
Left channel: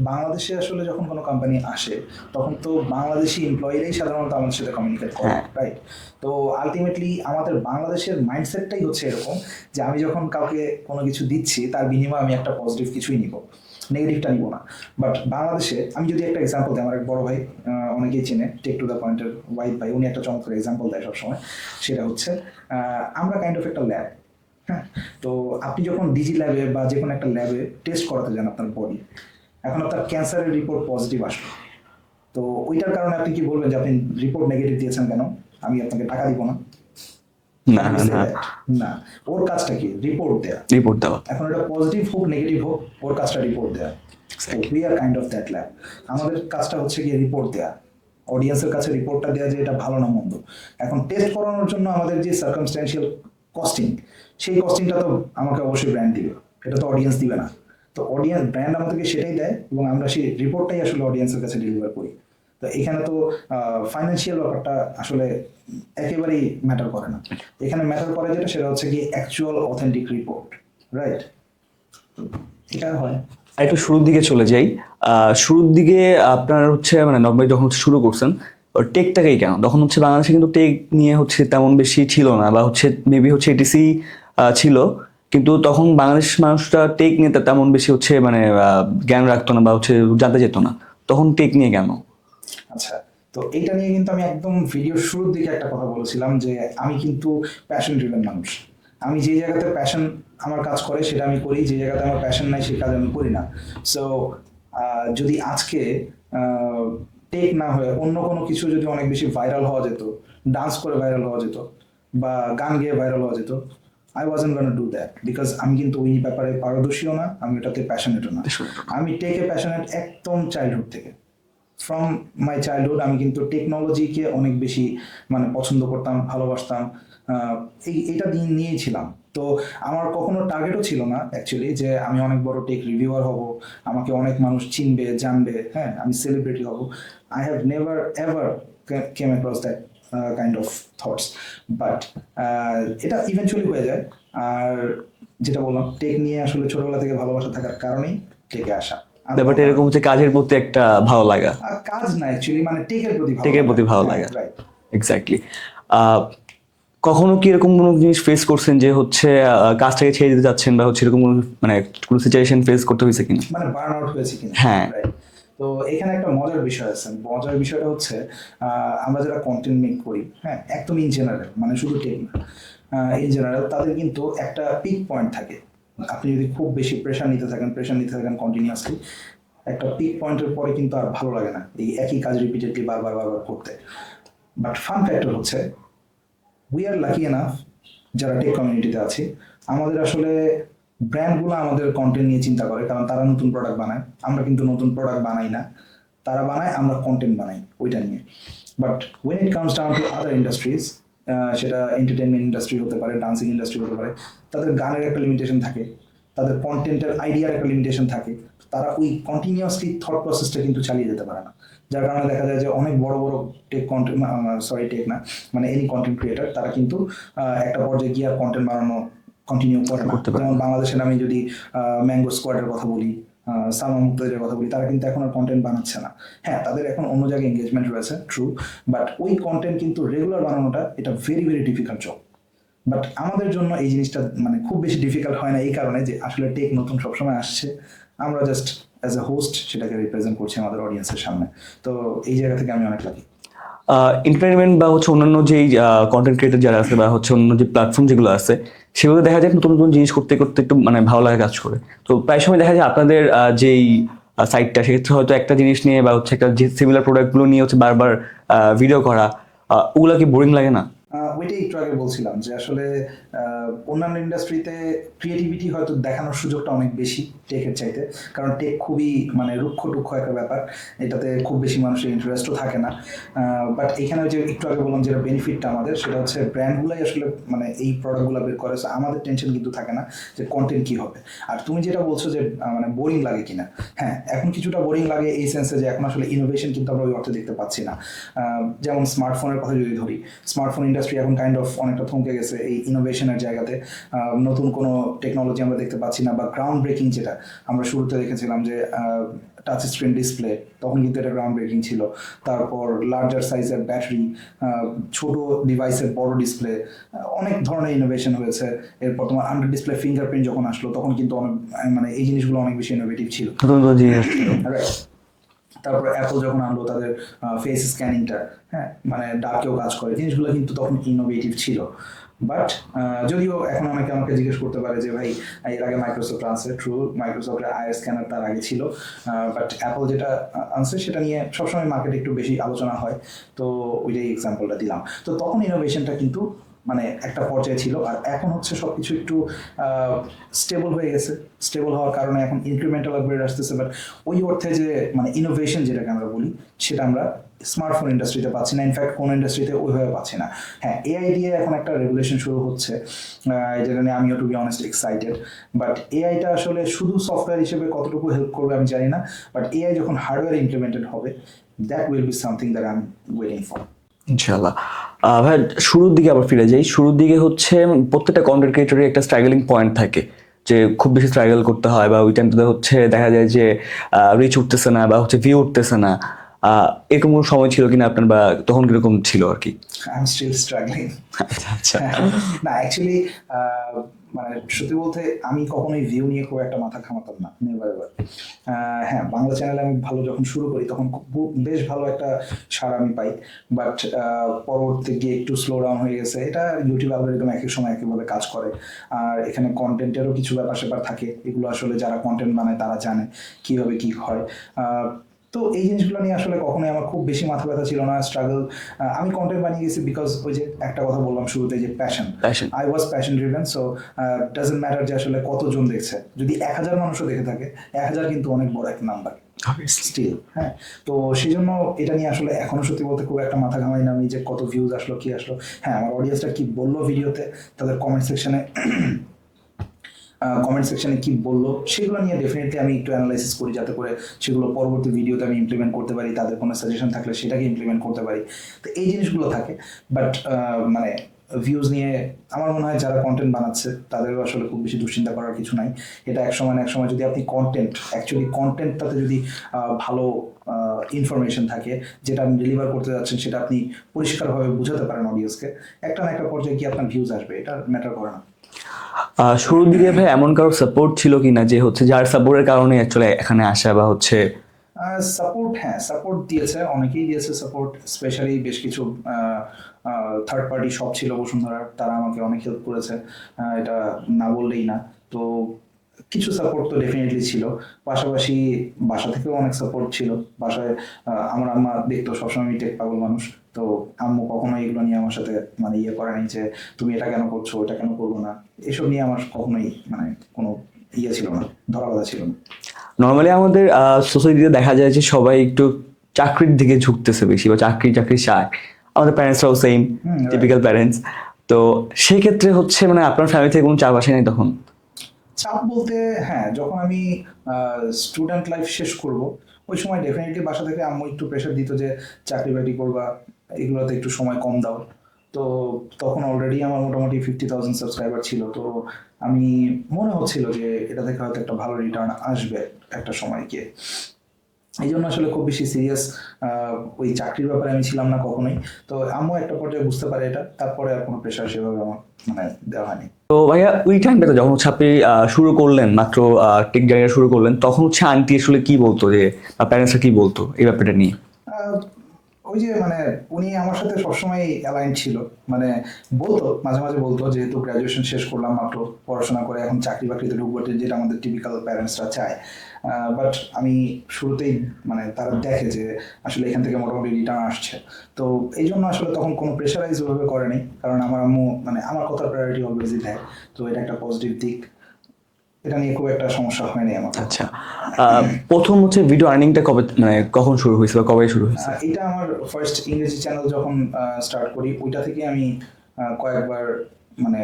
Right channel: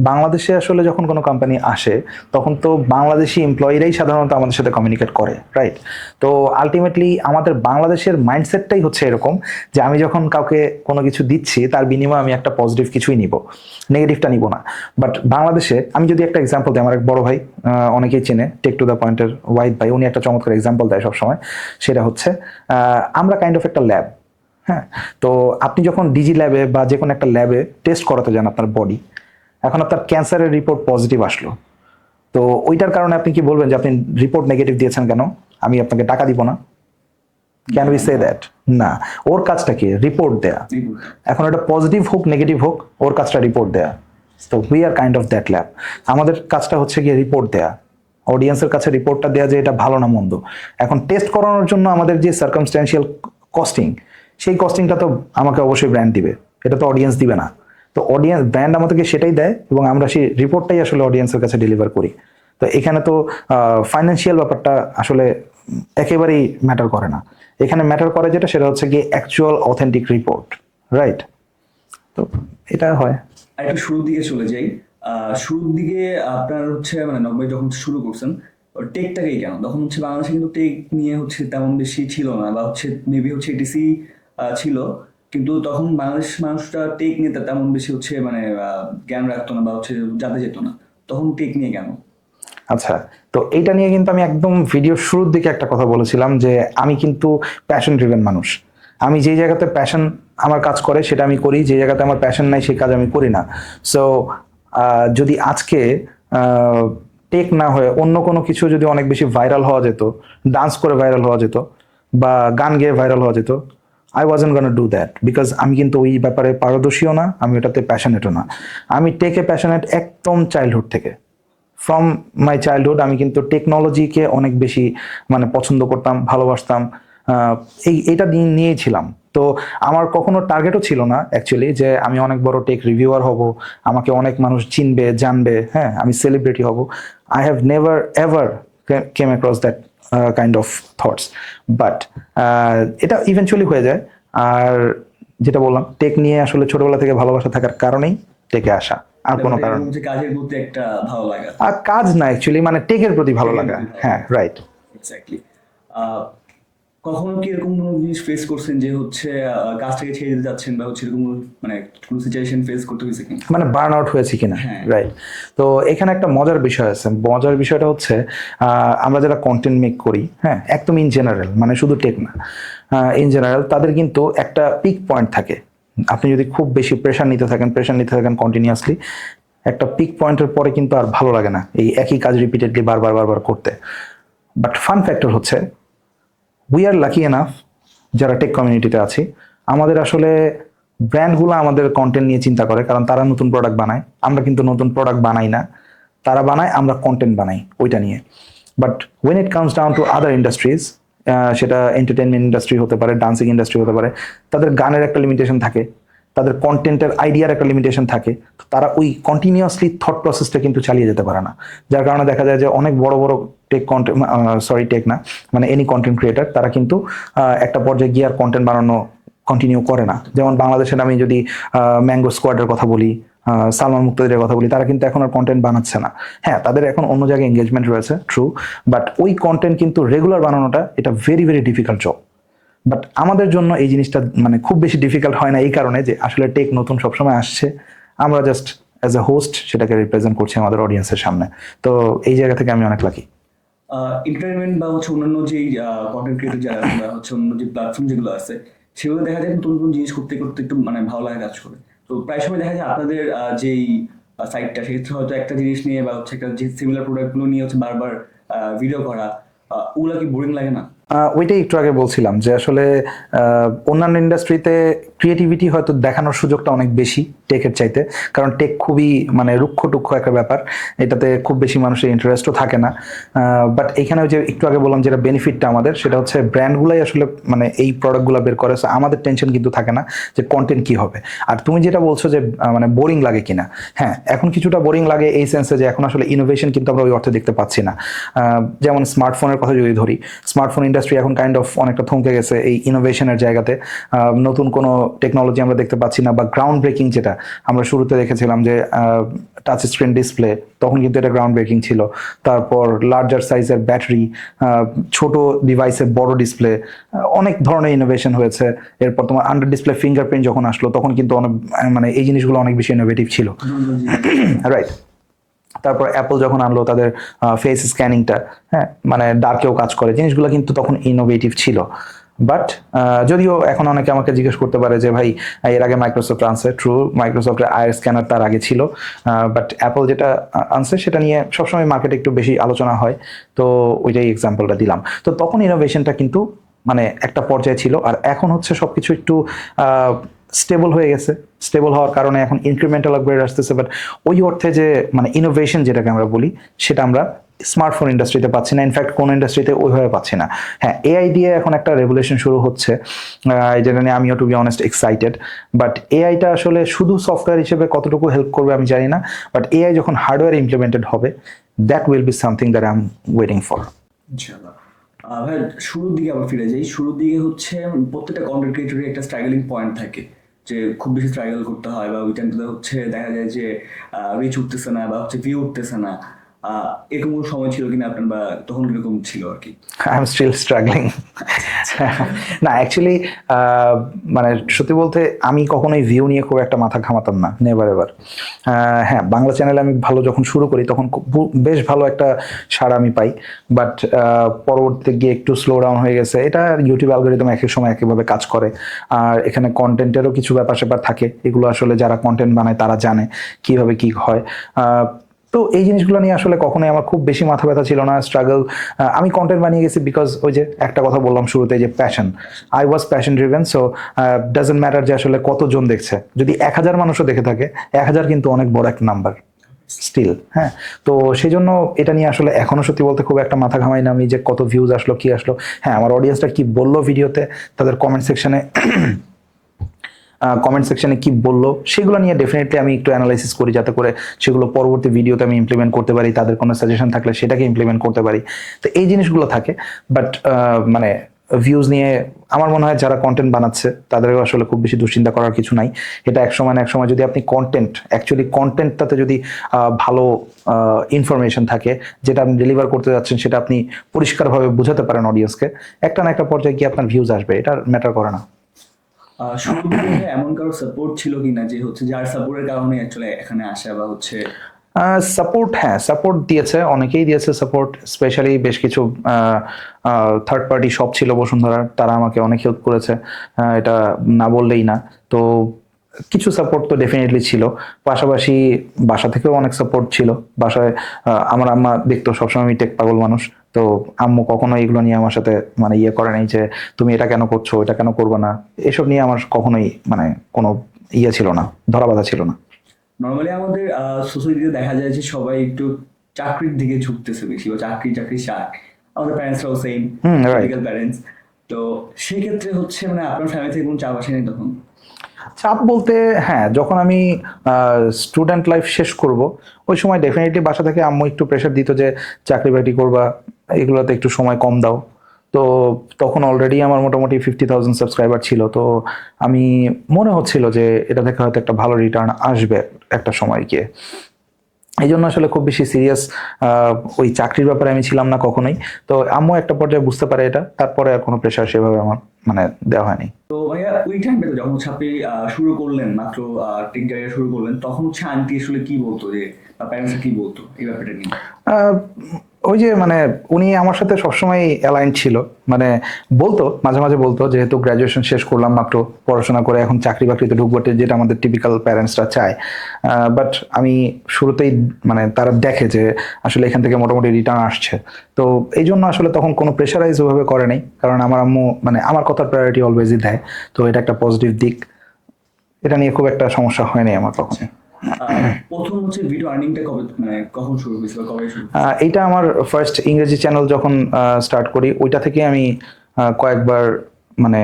বাংলাদেশে আসলে যখন কোনো কোম্পানি আসে তখন তো বাংলাদেশি এমপ্লয়িরাই সাধারণত আমাদের সাথে কমিউনিকেট করে, রাইট? তো আলটিমেটলি আমাদের বাংলাদেশের মাইন্ডসেটটাই হচ্ছে এরকম যে আমি যখন কাউকে কোনো কিছু দিচ্ছি তার বিনিময়ে আমি একটা পজিটিভ কিছুই নিব, নেগেটিভটা নিব না। বাট বাংলাদেশে আমি যদি একটা এক্সাম্পল দিই, আমার এক বড় ভাই অনেকেই চেনে, টেক টু দ্য পয়েন্টের ওয়াইড ভাই, উনি একটা চমৎকার এক্সাম্পল দেয় সবসময়। সেটা হচ্ছে আমরা কাইন্ড অফ একটা ল্যাব, হ্যাঁ? তো আপনি যখন ডিজি ল্যাবে বা যে কোনো একটা ল্যাবে টেস্ট করাতে যান আপনার বডি, এখন আপনার ক্যান্সারের রিপোর্ট পজিটিভ আসলো, তো ওইটার কারণে আপনি কি বলবেন যে আপনি রিপোর্ট নেগেটিভ দিয়েছেন কেন, আমি আপনাকে টাকা দিব না? Can we say that? না, ওর কাজটা কি? রিপোর্ট দেয়া। এখন এটা পজিটিভ হোক নেগেটিভ হোক, ওর কাজটা রিপোর্ট দেয়া। তো we are kind of that lab. আমাদের কাজটা হচ্ছে গিয়ে রিপোর্ট দেয়া, অডিয়েন্সের কাছে রিপোর্টটা দেয়া যে এটা ভালো না মন্দ। এখন টেস্ট করানোর জন্য আমাদের যে সার্কামস্ট্যান্সিয়াল কস্টিং, সেই কস্টিংটা তো আমাকে অবশ্যই ব্র্যান্ড দিবে, এটা তো অডিয়েন্স দিবে না। তো অডিয়েন্স, ব্র্যান্ড আমাদেরকে সেটাই দেয় এবং আমরা সেই রিপোর্টটাই আসলে অডিয়েন্সের কাছে ডেলিভার করি। তো এখানে তো ফাইন্যান্সিয়াল ব্যাপারটা আসলে একেবারেই ম্যাটার করে না। এখানে ম্যাটার করে যেটা, সেটা হচ্ছে গিয়ে অ্যাকচুয়াল অথেন্টিক রিপোর্ট, রাইট? তো এটা হয়। একটু শুরুর দিকে চলে যাই। শুরুর দিকে আপনার হচ্ছে মানে নকবাই যখন শুরু করছেন টেকটাকেই কেন, তখন হচ্ছে বাংলাদেশে কিন্তু টেক নিয়ে হচ্ছে তেমন বেশি ছিল না, বা হচ্ছে মেবি হচ্ছে এটিসি ছিল, কিন্তু তখন বাংলাদেশ মানুষটা টেক নিয়ে তেমন বেশি হচ্ছে মানে জ্ঞান রাখতো না বা হচ্ছে জানতে যেত না, তখন টেক নিয়ে কেন? আচ্ছা, তো এইটা নিয়ে কিন্তু আমি একদম ভিডিওর শুরুর দিকে একটা কথা বলেছিলাম যে আমি কিন্তু প্যাশন ড্রিভেন মানুষ। আমি যে জায়গাতে প্যাশন আমার কাজ করে সেটা আমি করি, যে জায়গাতে আমার প্যাশন নাই সেই কাজ আমি করি না। সো যদি আজকে টেক না হয়ে অন্য কোনো কিছু যদি অনেক বেশি ভাইরাল হওয়া যেত, ডান্স করে ভাইরাল হওয়া যেত বা গান গেয়ে ভাইরাল হওয়া যেত, I wasn't gonna do that, because আমি কিন্তু ওই ব্যাপারে পারদর্শীও না, আমি ওটাতে প্যাশনেটও না। আমি টেকে প্যাশনেট একদম চাইল্ডহুড থেকে, ফ্রম মাই চাইল্ডহুড আমি কিন্তু টেকনোলজিকে অনেক বেশি মানে পছন্দ করতাম, ভালোবাসতাম, এইটা নিয়েই ছিলাম। তো আমার কখনো টার্গেটও ছিল না অ্যাকচুয়ালি যে আমি অনেক বড় টেক রিভিউয়ার হব, আমাকে অনেক মানুষ চিনবে জানবে, হ্যাঁ আমি সেলিব্রিটি হব। I have never ever came across that kind of thoughts, but এটা ইভেনচুয়ালি হয়ে যায়। আর যেটা বললাম, টেক নিয়ে আসলে ছোটবেলা থেকে ভালোবাসা থাকার কারণেই টেকে আসা। এরকম হচ্ছে কাজের প্রতি একটা ভালো লাগা, আর কাজ না অ্যাকচুয়ালি মানে টেকের প্রতি ভালো লাগা, রাইট? এক্স্যাক্টলি। কখনো কি এরকম কোনো জিনিস ফেস করছেন যে হচ্ছে কাজটাকে ছেড়ে দিতে যাচ্ছেন বা হচ্ছে এরকম মানে কোনো সিচুয়েশন ফেস করতে হয়েছে কিনা, মানে বার্ন আউট হয়েছে কিনা? হ্যাঁ, রাইট। তো এখানে একটা মজার বিষয় আছে। মজার বিষয়টা হচ্ছে আমরা যারা কন্টেন্ট মেক করি, হ্যাঁ একদম ইন জেনারেল, মানে শুধু টেক না, ইন জেনারেল তাদের কিন্তু একটা পিক পয়েন্ট থাকে। আপনি যদি খুব বেশি প্রেশার নিতে থাকেন কন্টিনিউয়াসলি, একটা পিক পয়েন্টের পরে কিন্তু আর ভালো লাগে না এই একই কাজ রিপিটেডলি বারবার করতে। বাট ফান ফ্যাক্টর হচ্ছে উই আর লাকি এনাফ যারা টেক কমিউনিটিতে আছি, আমাদের আসলে ব্র্যান্ডগুলো আমাদের কন্টেন্ট নিয়ে চিন্তা করে, কারণ তারা নতুন প্রোডাক্ট বানায়, আমরা কিন্তু নতুন প্রোডাক্ট বানাই না, তারা বানায়, আমরা কন্টেন্ট বানাই ওইটা নিয়ে। But when it comes down to other industries, সেটা এন্টারটেনমেন্ট ইন্ডাস্ট্রি হতে পারে, ডান্সিং ইন্ডাস্ট্রি হতে পারে, তাদের গানের একটা লিমিটেশন থাকে, তাদের কন্টেন্টের আইডিয়ার একটা লিমিটেশন থাকে, তারা ওই কন্টিনিউয়াসলি থট প্রসেসটা কিন্তু চালিয়ে যেতে পারে না। যার কারণে দেখা যায় যে অনেক বড় বড় টেক কন্টেন্ট, টেক না মানে এনি কন্টেন্ট ক্রিয়েটার, তারা কিন্তু একটা পর্যায়ে গিয়ে আর কন্টেন্ট বানানো কন্টিনিউ করে না। যেমন বাংলাদেশের আমি যদি ম্যাঙ্গো স্কোয়াডের কথা বলি, সালমান মুক্তাদিরের কথা বলি, তারা কিন্তু এখন আর কন্টেন্ট বানাচ্ছে না। হ্যাঁ, তাদের এখন অন্য জায়গায় এঙ্গেজমেন্ট রয়েছে, ট্রু, বাট ওই কন্টেন্ট কিন্তু রেগুলার বানানোটা এটা very very difficult job. But আমাদের জন্য এই জিনিসটা মানে খুব বেশি ডিফিকাল্ট হয় না এই কারণে যে আসলে টেক নতুন সবসময় আসছে, আমরা জাস্ট অ্যাজ এ হোস্ট সেটাকে রিপ্রেজেন্ট করছি আমাদের অডিয়েন্সের সামনে। তো এই জায়গা থেকে আমি অনেক লাকি। এন্টারটেনমেন্ট বা হচ্ছে অন্যান্য যেই কন্টেন্ট ক্রিয়েটর যারা আছে বা হচ্ছে অন্য যে প্ল্যাটফর্ম যেগুলো আছে, সেগুলো দেখা যায় নতুন নতুন জিনিস করতে করতে একটু মানে ভালো লাগে কাজ করে। তো প্রায় সময় দেখা যায় আপনাদের যেই সাইটটা, সেক্ষেত্রে হয়তো একটা জিনিস নিয়ে বা হচ্ছে একটা যে সিমিলার প্রোডাক্টগুলো নিয়ে হচ্ছে বারবার ভিডিও করা, ওগুলা কি বোরিং লাগে না? ওইটাই একটু আগে বলছিলাম যে আসলে অন্যান্য ইন্ডাস্ট্রিতে ক্রিয়েটিভিটি হয়তো দেখানোর সুযোগটা অনেক বেশি টেকের চাইতে, কারণ টেক খুবই মানে রুক্ষ টুক্ষ একটা ব্যাপার, এটাতে খুব বেশি মানুষের ইন্টারেস্টও থাকে না। বাট এখানে যে একটু আগে বললাম যেটা বেনিফিটটা আমাদের, সেটা হচ্ছে ব্র্যান্ডগুলাই আসলে মানে এই প্রোডাক্টগুলো বের করে, so আমাদের টেনশন কিন্তু থাকে না যে কন্টেন্ট কি হবে। আর তুমি যেটা বলছো যে মানে বোরিং লাগে কিনা, হ্যাঁ এখন কিছুটা বোরিং লাগে এই সেন্সে যে এখন আসলে ইনোভেশন কিন্তু আমরা ওই অর্থে দেখতে পাচ্ছি না। যেমন স্মার্টফোনের কথা যদি ধরি, স্মার্টফোন ইন্ডাস্ট্রি এখন কাইন্ড অফ অনেকটা থমকে গেছে এই ইনোভেশনের জায়গাতে। নতুন কোনো টেকনোলজি আমরা দেখতে পাচ্ছি না, বা গ্রাউন্ড ব্রেকিং যেটা আমরা শুরুতে দেখেছিলাম যে টাচ স্ক্রিন ডিসপ্লে, তখন কিন্তু এটা গ্রাউন্ড ব্রেকিং ছিল। তারপর লার্জার সাইজের ব্যাটারি, ছোট ডিভাইসে বড় ডিসপ্লে, অনেক ধরনের ইনোভেশন হয়েছে। এরপর তোমার আন্ডার ডিসপ্লে ফিঙ্গারপ্রিন্ট যখন আসলো, তখন কিন্তু অনেক মানে এই জিনিসগুলো অনেক বেশি ইনোভেটিভ ছিল, রাইট। তারপর অ্যাপল যখন আনলো তাদের ফেস স্ক্যানিংটা, হ্যাঁ মানে ডার্কেও কাজ করে, জিনিসগুলো কিন্তু তখন ইনোভেটিভ ছিল। বাট যদিও এখন অনেকে আমাকে জিজ্ঞেস করতে পারে যে ভাই এর আগে মাইক্রোসফট আনছে, ট্রু মাইক্রোসফটের আয়ার স্ক্যানার তার আগে ছিল, বাট অ্যাপল যেটা আনছে সেটা নিয়ে সবসময় মার্কেটে একটু বেশি আলোচনা হয়, তো ওইটাই এক্সাম্পলটা দিলাম। তো তখন ইনোভেশনটা কিন্তু মানে একটা পর্যায়ে ছিল, আর এখন হচ্ছে সবকিছু একটু স্টেবল হয়ে গেছে। স্টেবল হওয়ার কারণে এখন ইনক্রিমেন্টাল আপগ্রেড আসতেছে, বাট ওই অর্থে যে মানে ইনোভেশন যেটাকে আমরা বলি, সেটা আমরা স্মার্টফোন ইন্ডাস্ট্রিতে পাচ্ছি না, ইনফ্যাক্ট কোন ইন্ডাস্ট্রিতে ওইভাবে পাচ্ছি না। হ্যাঁ, এআই দিয়ে এখন একটা রেভুলেশন শুরু হচ্ছে, যেটা নিয়ে আমিও to be honest excited. But এআইটা আসলে শুধু সফটওয়্যার হিসেবে কতটুকু হেল্প করবে আমি জানি না, বাট এআই যখন হার্ডওয়্যার ইমপ্লিমেন্টেড হবে, that will be something that I am waiting for. ইনশাআল্লাহ। ভাই শুরুর দিকে আবার ফিরে যাই। শুরুর দিকে হচ্ছে প্রত্যেকটা কন্টেন্ট ক্রিয়েটরের একটা স্ট্রাগলিং পয়েন্ট থাকে, যে খুব বেশি স্ট্রাগল করতে হয়, বা ওই টাইমটাতে হচ্ছে দেখা যায় যে রিচ উঠতেছে না বা হচ্ছে ভিউ উঠতেছে না। এরকম কোনো সময় ছিল কিনা আপনার, বা তখন কিরকম ছিল আর কি? I am still struggling. না অ্যাকচুয়ালি মানে সত্যি বলতে আমি কখনোই ভিউ নিয়ে খুব একটা মাথা ঘামাতাম না, নেভার এভার। হ্যাঁ, বাংলা চ্যানেলে আমি ভালো যখন শুরু করি তখন বেশ ভালো একটা সাড়া আমি পাই, বাট পরবর্তীতে গিয়ে একটু স্লো ডাউন হয়ে গেছে। এটা ইউটিউব অ্যালগরিদম এক এক সময় একইভাবে কাজ করে, আর এখানে কন্টেন্টেরও কিছু ব্যাপার স্যাপার থাকে, এগুলো আসলে যারা কন্টেন্ট বানায় তারা জানে কিভাবে কি হয়। তো এই জিনিসগুলো নিয়ে আসলে কখনোই আমার খুব বেশি মাথা ব্যথা ছিল না, স্ট্রাগল। আমি কন্টেন্ট বানিয়ে গেছি বিকজ ওই যে একটা কথা বললাম শুরুতে যে passion, I was passion driven. So doesn't matter যে আসলে কতজন দেখছে, যদি 1000 মানুষও দেখে থাকে, 1000 কিন্তু অনেক বড় একটা নাম্বার স্টিল। হ্যাঁ, তো সেই জন্য এটা নিয়ে আসলে এখনো সত্যি বলতে খুব একটা মাথা ঘামাই না আমি যে কত ভিউজ আসলো কি আসলো। হ্যাঁ, আমার অডিয়েন্সটা কি বললো ভিডিওতে, তাদের কমেন্ট সেকশনে কি বললো, সেগুলো নিয়ে ডেফিনেটলি আমি একটু অ্যানালাইসিস করি, যাতে করে সেগুলো পরবর্তী ভিডিওতে আমি ইমপ্লিমেন্ট করতে পারি, তাদের কোনো সাজেশন থাকলে সেটাকে ইমপ্লিমেন্ট করতে পারি। তো এই জিনিসগুলো থাকে, বাট মানে ভিউজ নিয়ে আমার মনে হয় যারা কন্টেন্ট বানাচ্ছে তাদেরও আসলে খুব বেশি দুশ্চিন্তা করার কিছু নাই। এটা এক সময় না এক সময় যদি আপনি কন্টেন্টটাতে যদি ভালো ইনফরমেশন থাকে, যেটা আপনি ডেলিভার করতে যাচ্ছেন, সেটা আপনি পরিষ্কারভাবে বোঝাতে পারেন অডিয়েন্সকে, একটা না একটা পর্যায়ে গিয়ে আপনার ভিউজ আসবে, এটা ম্যাটার করে না। শুরুর দিকে ভাই এমন কারো সাপোর্ট ছিল কিনা, যে হচ্ছে যার সাপোর্টের কারণে অ্যাকচুয়ালি এখানে আসা, বা হচ্ছে সাপোর্ট? হ্যাঁ, সাপোর্ট দিয়েছে, অনেকেই দিয়েছে সাপোর্ট, স্পেশালি বেশ কিছু থার্ড পার্টি শপ ছিল বসুন্ধরার, তারা আমাকে অনেক হেল্প করেছে, এটা না বললেই না। তো কিছু সাপোর্ট তো ডেফিনেটলি ছিল, পাশাপাশি বাসা থেকেও অনেক সাপোর্ট ছিল। বাসায় আমার আম্মা দেখতো সবসময় আমি টেক পাগল মানুষ, তো আম্মু কখনো এগুলো নিয়ে আমার সাথে মানে ইয়ে করে নাই যে তুমি এটা কেন করছো, এটা কেন করবো না, এসব নিয়ে আমার কখনোই মানে কোনো ইয়ে ছিল না, ধরাবাধা ছিল না। নর্মালি আমাদের সোসাইটিতে দেখা যায় যে সবাই একটু চাকরির দিকে ঝুঁকতেছে বেশি, বা চাকরি চাকরি চায়। আমাদের প্যারেন্টসরাও সেম, টিপিক্যাল প্যারেন্টস। তো সেই ক্ষেত্রে হচ্ছে মানে আপনার ফ্যামিলি থেকে কোনো চাপ আসে নাই তখন? চাপ বলতে হ্যাঁ, যখন আমি স্টুডেন্ট লাইফ শেষ করব, ওই সময় ডেফিনেটলি বাসা থেকে আম্মু একটু প্রেশার দিত যে চাকরি বাকরি করবা, এগুলোতে একটু সময় কম দাও। তো তখন অলরেডি আমার মোটামুটি 50,000 সাবস্ক্রাইবার ছিল। তো আমি মনে হচ্ছিল যে এটা থেকে হয়তো একটা ভালো রিটার্ন আসবে একটা সময় গিয়ে। এই জন্য আসলে খুব বেশি সিরিয়াস ওই চাকরির ব্যাপারে আমি ছিলাম না কখনোই। তো আম্মু একটা পর্যায়ে বুঝতে পারে এটা, তারপরে আর কোনো প্রেশার সেভাবে আমার মানে দেওয়া হয়নি। তো ভাইয়া ওই টাইমটাতে যখন হচ্ছে আপনি শুরু করলেন, মাত্র টেক জার্নি শুরু করলেন, তখন হচ্ছে আন্টি আসলে কি বলতো, যে প্যারেন্টসরা কি বলতো এই ব্যাপারটা নিয়ে? আহ, ওই যে মানে উনি আমার সাথে সবসময় অ্যালাইন ছিল। মানে বলতো, মাঝে মাঝে বলতো, যেহেতু গ্রাজুয়েশন শেষ করলাম মাত্র, পড়াশোনা করে এখন চাকরি বাকরিতে ঢুকবো, যেটা আমাদের টিপিক্যাল প্যারেন্টসরা চায়। বাট আমি শুরুতেই মানে তারা দেখে যে আসলে এখান থেকে মোটামুটি রিটার্ন আসছে। তো এই জন্য আসলে তখন কোনো প্রেশারাইজ ওভাবে করে নাই, কারণ আমার আম্মু মানে আমার কথার প্রায়োরিটি অলওয়েজই দেয়। তো এটা একটা পজিটিভ দিক, এটা নিয়ে খুব একটা সমস্যা হয়নি আমার কখনো। আচ্ছা, প্রথম হচ্ছে ভিডিও আর্নিংটা কবে, মানে কখন শুরু হয়েছিল, কবে শুরু হয়েছিল? এইটা আমার ফার্স্ট ইংরেজি চ্যানেল যখন স্টার্ট করি, ওইটা থেকে আমি কয়েকবার মানে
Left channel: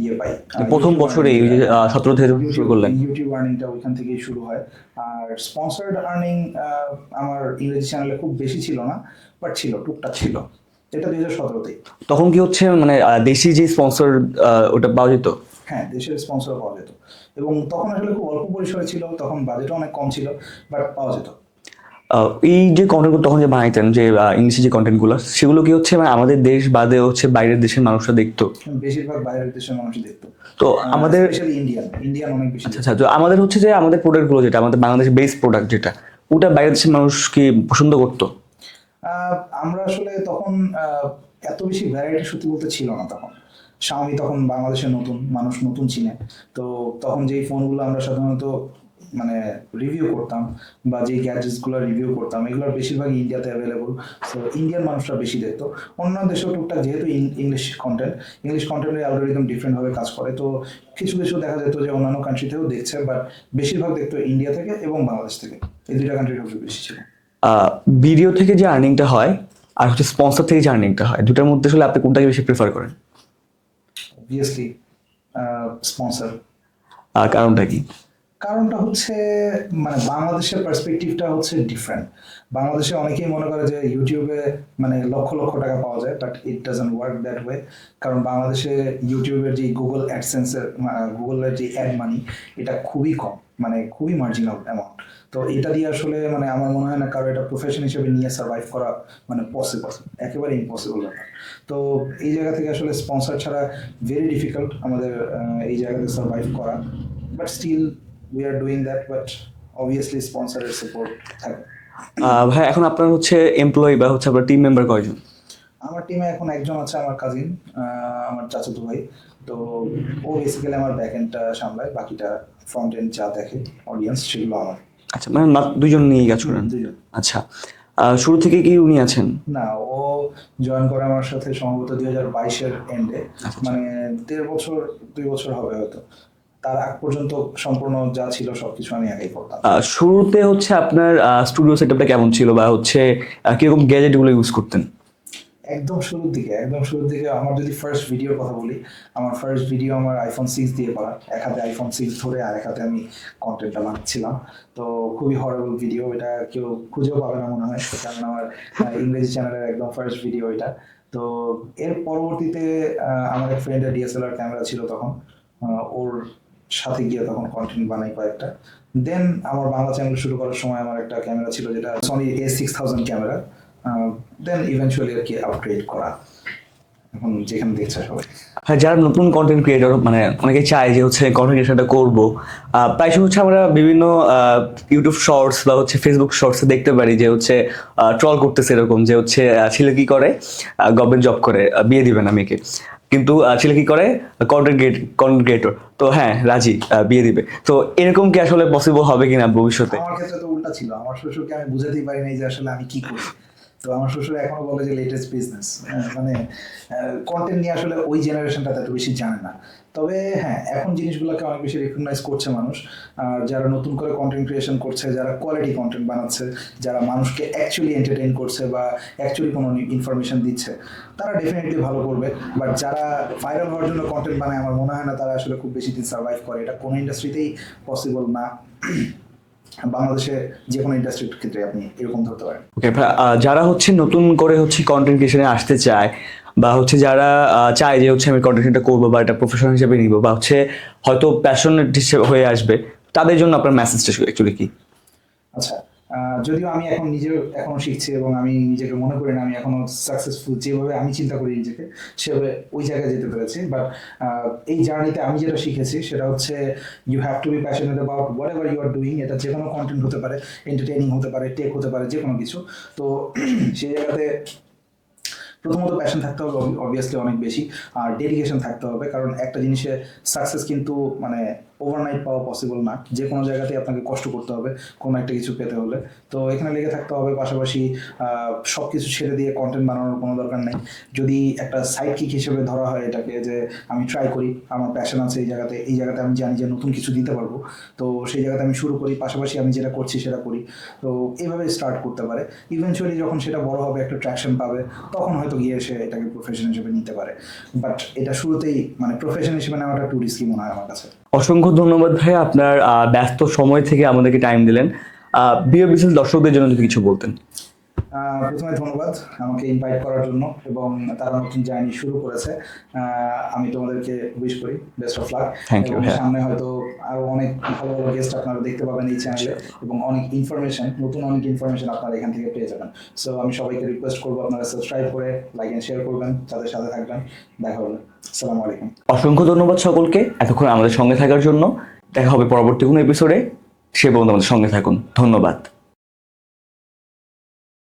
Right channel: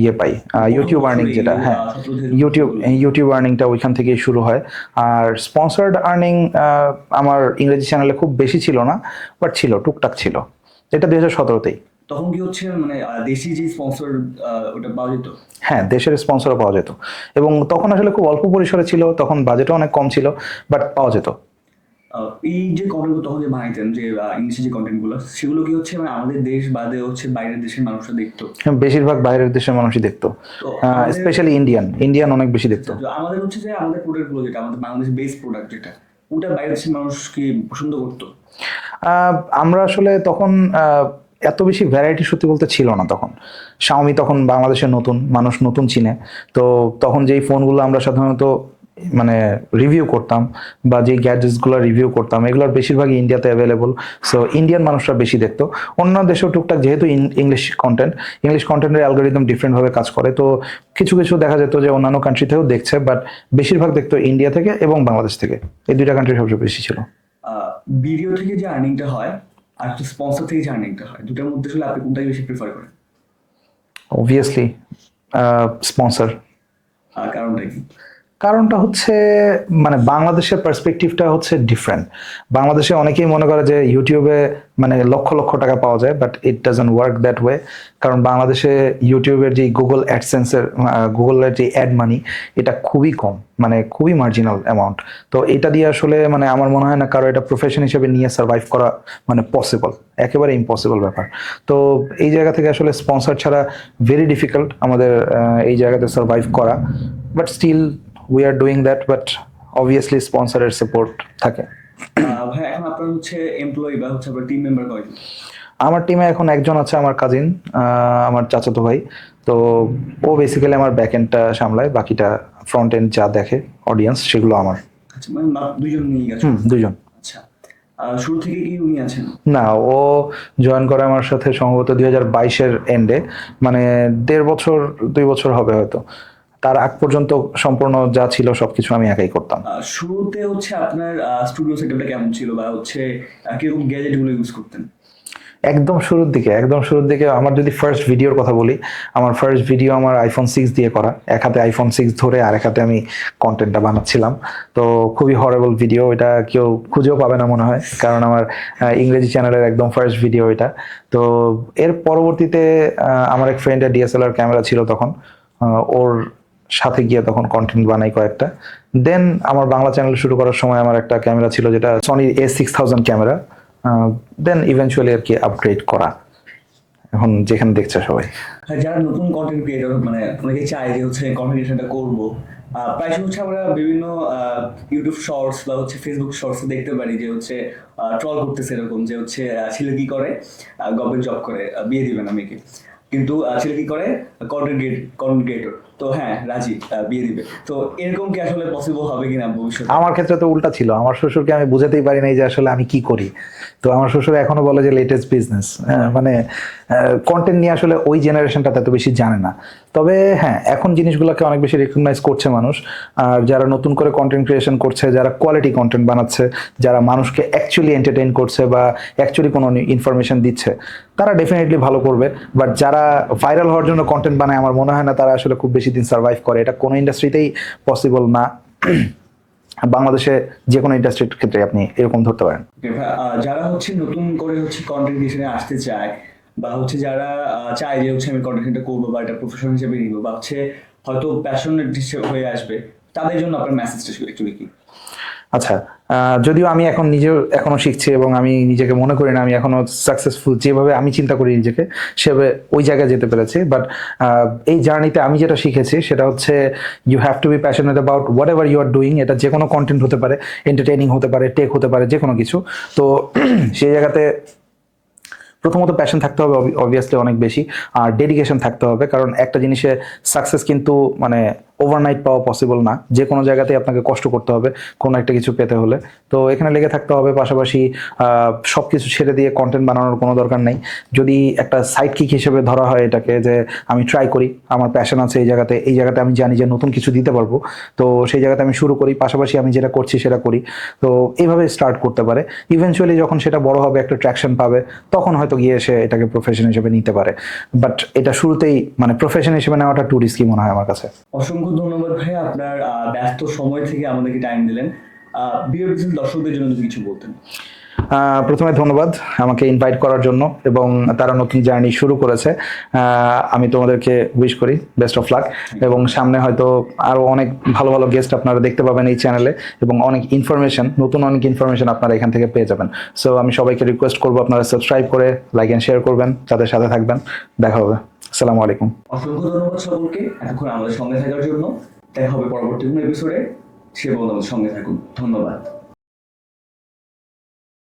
ইয়ে পাই, প্রথম ইউটিউব আর্নিং, বছরে যেটা 17 থেকে যখন শুরু করলেন? ইউটিউব আর্নিংটা ওইখান থেকেই শুরু হয়। আর স্পন্সর্ড আর্নিং আমার ইংরেজি চ্যানেলে খুব বেশি ছিল না, বাট ছিল, টুকটাক ছিল। এটা 2017তেই। তখন কি হচ্ছে মানে দেশি যে স্পন্সর ওটা পাওয়া যেত? হ্যাঁ, দেশের স্পন্সরও পাওয়া যেত, এবং তখন আসলে খুব অল্প পরিসরে ছিল, তখন বাজেটও অনেক কম ছিল, বাট পাওয়া যেত। এই যে কন্টেন্টগুলো তখন যে বানাইতেন, যে ইংলিশে যে কন্টেন্টগুলো, সেগুলো কি হচ্ছে মানে আমাদের দেশ বাদে হচ্ছে বাইরের দেশের মানুষরা দেখতো? বেশিরভাগ বাইরের দেশের মানুষই দেখতো, তো আমাদের স্পেশালি ইন্ডিয়ান অনেক বেশি দেখতো। আচ্ছা, তো আমাদের হচ্ছে যে আমাদের প্রোডাক্টগুলো, যেটা আমাদের বাংলাদেশের বেস প্রোডাক্ট, যেটা ওটা বাইরের দেশের মানুষ কি পছন্দ করতো? আহ, আমরা আসলে তখন এত বেশি ভ্যারাইটি সত্যি বলতে ছিল না তখন। শাওমি তখন বাংলাদেশে নতুন, মানুষ নতুন চিনে। তো তখন যেই ফোনগুলো আমরা সাধারণত মানে রিভিউ করতাম, বা যেই গ্যাজেটসগুলো রিভিউ করতাম, এগুলোর বেশিরভাগই ইন্ডিয়াতে অ্যাভেলেবল। সো ইন্ডিয়ান মানুষরা বেশি দেখতো। অন্য দেশেও টুকটাক, যেহেতু ইংলিশ কন্টেন্টের অ্যালগোরিদম ডিফারেন্টভাবে কাজ করে, তো কিছু কিছু দেখা যেত যে অন্যান্য কান্ট্রি থেকেও দেখছে, বাট বেশিরভাগ দেখতো ইন্ডিয়া থেকে এবং বাংলাদেশ থেকে। এই দুইটা কান্ট্রি সবচেয়ে বেশি ছিল। ভিডিও থেকে যে আর্নিংটা হয় আর হচ্ছে স্পন্সর থেকে যে আর্নিংটা হয়, দুটার মধ্যে আসলে আপনি কোনটাকে বেশি প্রেফার করেন? Obviously sponsor. কারণটা কি? কারণটা হচ্ছে মানে বাংলাদেশের পার্সপেক্টিভটা হচ্ছে ডিফারেন্ট। বাংলাদেশে অনেকেই মনে করে যে ইউটিউবে মানে লক্ষ লক্ষ টাকা পাওয়া যায়, but it doesn't work that way. কারণ বাংলাদেশে ইউটিউবের যে গুগল অ্যাডসেন্সের, গুগলের যে অ্যাড মানি, এটা খুবই কম, মানে খুবই মার্জিনাল অ্যামাউন্ট। তো এটা দিয়ে আসলে মানে আমার মনে হয় না কারো এটা প্রফেশন হিসেবে নিয়ে সার্ভাইভ করা মানে পসিবল, একেবারে ইম্পসিবল ব্যাপার। তো এই জায়গা থেকে আসলে স্পন্সর ছাড়া ভেরি ডিফিকাল্ট আমাদের এই জায়গাতে সার্ভাইভ করা। But still we are doing that, but obviously স্পন্সরের সাপোর্ট থাকে। ভাই, এখন আপনার হচ্ছে এমপ্লয়ি বা হচ্ছে আপনার টিম মেম্বার কয়জন? আমার টিমে এখন একজন আছে, আমার কাজিন, আমার চাচাতো ভাই। তো ও বেসিক্যালি আমার ব্যাক এন্ডটা সামলায়, বাকিটা ফ্রন্ট এন্ড যা দেখে অডিয়েন্স, সেগুলো আমার। আচ্ছা, মানে মাত্র দুইজন নিয়ে গেছেন? দুজন। আচ্ছা, শুরু থেকে কি উনি আছেন? না, ও জয়েন করে আমার সাথে সম্ভবত 2022-এর এন্ডে, মানে 1.5 বছর 2 বছর হবে হয়তো। তার আগ পর্যন্ত সম্পূর্ণ যা ছিল সবকিছু আমি একাই করতাম। শুরুতে হচ্ছে আপনার স্টুডিও সেটআপটা কেমন ছিল, বা হচ্ছে কিরকম গ্যাজেট গুলো ইউজ করতেন? একদম শুরুর দিকে আমার যদি ফার্স্ট ভিডিওর কথা বলি, আমার ফার্স্ট ভিডিও আমার আইফোন 6 দিয়ে করা। এক হাতে আইফোন 6 ধরে আর এক হাতে আমি কন্টেন্টটা বানাচ্ছিলাম। তো খুবই হরেবল ভিডিও, এটা কেউ খুঁজেও পাবে না মনে হয়, কারণ আমার ইংরেজি চ্যানেলের একদম ফার্স্ট ভিডিও এটা। তো এর পরবর্তীতে আমার এক ফ্রেন্ডের ডিএসএলআর ক্যামেরা ছিল তখন, ওর সাথে গিয়ে তখন কন্টেন্ট বানাই কয়েকটা। দেন আমার বাংলা চ্যানেল শুরু করার সময় আমার একটা ক্যামেরা ছিল, যেটা সনির A6000 ক্যামেরা। দেন ইভেনচুয়ালি আর কি আপগ্রেড করা, এখন যেখানে দেখছে সবাই। হ্যাঁ, যারা নতুন কন্টেন্ট ক্রিয়েটর, মানে অনেকে চায় যে হচ্ছে কন্টেন্ট ক্রিয়েশনটা করবো, প্রায় সময় হচ্ছে আমরা বিভিন্ন ইউটিউব শর্টস বা হচ্ছে ফেসবুক শর্টস দেখতে পারি যে হচ্ছে ট্রল করতেছে এরকম, যে হচ্ছে ছেলে কি করে, গভর্নমেন্ট জব করে, বিয়ে দিবে না মেয়েকে, কিন্তু ছেলে কি করে, কন্টেন্ট ক্রিয়েটর, তো হ্যাঁ রাজি, বিয়ে দিবে। তো এরকম কি আসলে পসিবল হবে কিনা ভবিষ্যতে? আমার ক্ষেত্রে তো উল্টা ছিল, আমার শ্বশুরকে আমি বুঝাতেই পারি নাই যে আসলে আমি কি করি। তো আমার শ্বশুর এখনো বলে যে লেটেস্ট বিজনেস, মানে কন্টেন্ট নিয়ে আসলে ওই জেনারেশনটা এত বেশি জানে না। তবে হ্যাঁ, এখন জিনিসগুলোকে অনেক বেশি রেকগনাইজ করছে মানুষ। আর যারা নতুন করে কন্টেন্ট ক্রিয়েশন করছে, যারা কোয়ালিটি কন্টেন্ট বানাচ্ছে, যারা মানুষকে অ্যাকচুয়ালি এন্টারটেইন করছে বা অ্যাকচুয়ালি কোনো ইনফরমেশন দিচ্ছে, তারা ডেফিনেটলি ভালো করবে। বাট যারা ভাইরাল হওয়ার জন্য কন্টেন্ট বানায়, আমার মনে হয় না তারা আসলে খুব বেশি দিন সার্ভাইভ করে। এটা কোনো ইন্ডাস্ট্রিতেই পসিবল না। বাংলাদেশে যে কোনো ইন্ডাস্ট্রির ক্ষেত্রে আপনি এরকম ধরতে পারেন। ওকে, যারা হচ্ছে নতুন করে হচ্ছে কন্টেন্ট ক্রিয়েশনে আসতে চায়, বা হচ্ছে যারা চায় যে হচ্ছে আমি কন্টেন্টটা করবো বা এটা প্রফেশন হিসেবে নিব বা হচ্ছে হয়তো প্যাশনেট হিসেবে হয়ে আসবে, তাদের জন্য আপনার মেসেজটা অ্যাকচুয়ালি কি? আচ্ছা, যদিও আমি এখন নিজেও এখনো শিখছি এবং আমি নিজেকে মনে করি না আমি এখনো সাকসেসফুল, যেভাবে আমি চিন্তা করি নিজেকে সেভাবে ওই জায়গায় যেতে পেরেছি, বাট এই জার্নিতে আমি যেটা শিখেছি সেটা হচ্ছে you have to be passionate about whatever you are doing. এটা যে কোনো কন্টেন্ট হতে পারে, এন্টারটেইনিং হতে পারে, টেক হতে পারে, যে কোনো কিছু। তো সেই জায়গাতে প্রথমত প্যাশন থাকতে হবে অবভিয়াসলি অনেক বেশি, আর ডেডিকেশন থাকতে হবে, কারণ একটা জিনিসে সাকসেস কিন্তু মানে ওভারনাইট পাওয়া পসিবল না, যে কোনো জায়গাতেই আপনাকে কষ্ট করতে হবে কোনো একটা কিছু পেতে হলে। তো এখানে লেগে থাকতে হবে, পাশাপাশি সব কিছু ছেড়ে দিয়ে কন্টেন্ট বানানোর কোনো দরকার নেই। যদি একটা সাইড কিক হিসেবে ধরা হয় এটাকে, যে আমি ট্রাই করি, আমার প্যাশন আছে এই জায়গাতে আমি জানি যে নতুন কিছু দিতে পারবো, তো সেই জায়গাতে আমি শুরু করি, পাশাপাশি আমি যেটা করছি সেটা করি। তো এইভাবে স্টার্ট করতে পারে, ইভেনচুয়ালি যখন সেটা বড় হবে, একটা ট্র্যাকশন পাবে, তখন হয়তো গিয়ে সে এটাকে প্রফেশন হিসেবে নিতে পারে। বাট এটা শুরুতেই মানে প্রফেশন হিসেবে নেওয়াটা টু রিস্কি মনে হয় আমার কাছে। অসংখ্য ধন্যবাদ ভাই, আপনার ব্যস্ত সময় থেকে আমাদেরকে টাইম দিলেন। বিয়ে বিশেষ দর্শকদের জন্য যদি কিছু বলতেন। প্রথমে ধন্যবাদ আমাকে ইনভাইট করার জন্য, এবং তারা নতুন জার্নি শুরু করেছে। আমি তোমাদেরকে উইশ করি best of luck, Thank you, এবং ভাইয়া। সামনে হয়তো আরো অনেক ভালো ভালো গেস্ট আপনারা দেখতে পাবেন এই চ্যানেলে, এবং নতুন অনেক ইনফরমেশন আপনারা এখান থেকে পেয়ে যাবেন। সো আমি সবাইকে রিকোয়েস্ট করবো আপনারা সাবস্ক্রাইব করে লাইক এন্ড শেয়ার করবেন, তাদের সাথে থাকবেন। দেখা হবে। আসসালামু আলাইকুম। অসংখ্য ধন্যবাদ সকলকে এতক্ষণ আমাদের সঙ্গে থাকার জন্য। দেখা হবে পরবর্তী কোনো এপিসোডে, সে পর্যন্ত আমাদের সঙ্গে থাকুন। ধন্যবাদ।